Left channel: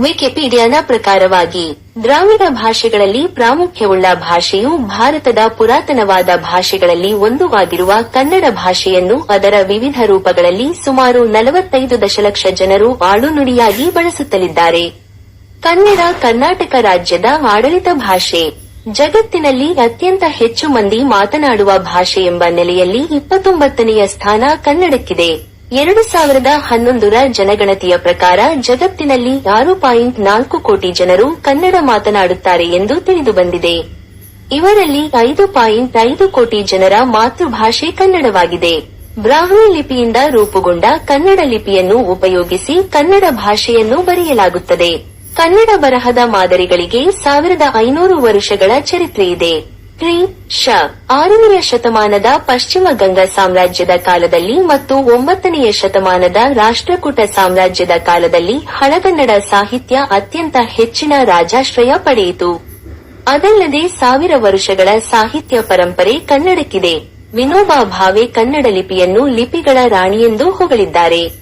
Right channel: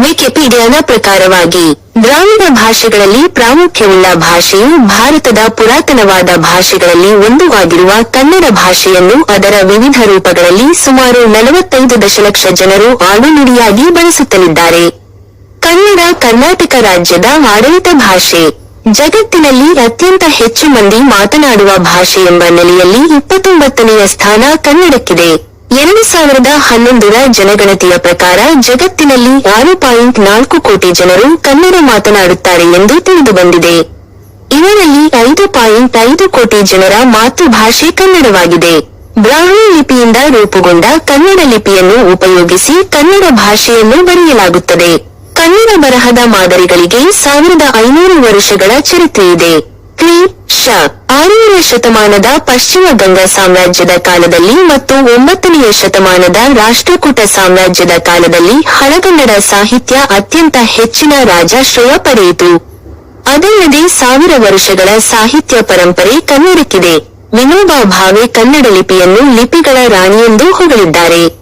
ವಿಕಿಪೀಡಿಯಾದ ಪ್ರಕಾರವಾಗಿ ದ್ರಾವಿಡ ಭಾಷೆಗಳಲ್ಲಿ ಪ್ರಾಮುಖ್ಯವುಳ್ಳ ಭಾಷೆಯು ಭಾರತದ ಪುರಾತನವಾದ ಭಾಷೆಗಳಲ್ಲಿ ಒಂದು ಆಗಿರುವ ಕನ್ನಡ ಭಾಷೆಯನ್ನು ಅದರ ವಿವಿಧ ರೂಪಗಳಲ್ಲಿ ಸುಮಾರು ನಲವತ್ತೈದು ದಶಲಕ್ಷ ಜನರು ಆಡುನುಡಿಯಾಗಿ ಬಳಸುತ್ತಲಿದ್ದಾರೆ. ಕನ್ನಡ ಕರ್ನಾಟಕ ರಾಜ್ಯದ ಆಡಳಿತ ಭಾಷೆ. ಜಗತ್ತಿನಲ್ಲಿ ಅತ್ಯಂತ ಹೆಚ್ಚು ಮಂದಿ ಮಾತನಾಡುವ ಭಾಷೆ ಎಂಬ ನೆಲೆಯಲ್ಲಿ ಇಪ್ಪತ್ತೊಂಬತ್ತನೆಯ ಸ್ಥಾನ ಕನ್ನಡಕ್ಕಿದೆ. ಎರಡು ಸಾವಿರದ ಹನ್ನೊಂದರ ಜನಗಣತಿಯ ಪ್ರಕಾರ ಜಗತ್ತಿನಲ್ಲಿ ಆರು ಪಾಯಿಂಟ್ ನಾಲ್ಕು ಕೋಟಿ ಜನರು ಕನ್ನಡ ಮಾತನಾಡುತ್ತಾರೆ ಎಂದು ತಿಳಿದುಬಂದಿದೆ ಇವರಲ್ಲಿ ಐದು ಪಾಯಿಂಟ್ ಐದು ಕೋಟಿ ಜನರ ಮಾತೃಭಾಷೆ ಕನ್ನಡವಾಗಿದೆ. ಬ್ರಾಹ್ಮಿ ಲಿಪಿಯಿಂದ ರೂಪುಗೊಂಡ ಕನ್ನಡ ಲಿಪಿಯನ್ನು ಉಪಯೋಗಿಸಿ ಕನ್ನಡ ಭಾಷೆಯನ್ನು ಬರೆಯಲಾಗುತ್ತದೆ. ಕನ್ನಡ ಬರಹದ ಮಾದರಿಗಳಿಗೆ ಸಾವಿರದ ಐನೂರು ವರ್ಷಗಳ ಚರಿತ್ರೆಯಿದೆ. ಶ. ಆರನೆಯ ಶತಮಾನದ ಪಶ್ಚಿಮ ಗಂಗಾ ಸಾಮ್ರಾಜ್ಯದ ಕಾಲದಲ್ಲಿ ಮತ್ತು ಒಂಬತ್ತನೆಯ ಶತಮಾನದ ರಾಷ್ಟ್ರಕೂಟ ಸಾಮ್ರಾಜ್ಯದ ಕಾಲದಲ್ಲಿ ಹಳಗನ್ನಡ ಸಾಹಿತ್ಯ ಅತ್ಯಂತ ಹೆಚ್ಚಿನ ರಾಜಾಶ್ರಯ ಪಡೆಯಿತು. ಅದಲ್ಲದೆ ಸಾವಿರ ವರ್ಷಗಳ ಸಾಹಿತ್ಯ ಪರಂಪರೆ ಕನ್ನಡಕ್ಕಿದೆ. ವಿನೋಬಾ ಭಾವೆ ಕನ್ನಡ ಲಿಪಿಯನ್ನು ಲಿಪಿಗಳ ರಾಣಿಯೆಂದು ಹೊಗಳಿದ್ದಾರೆ.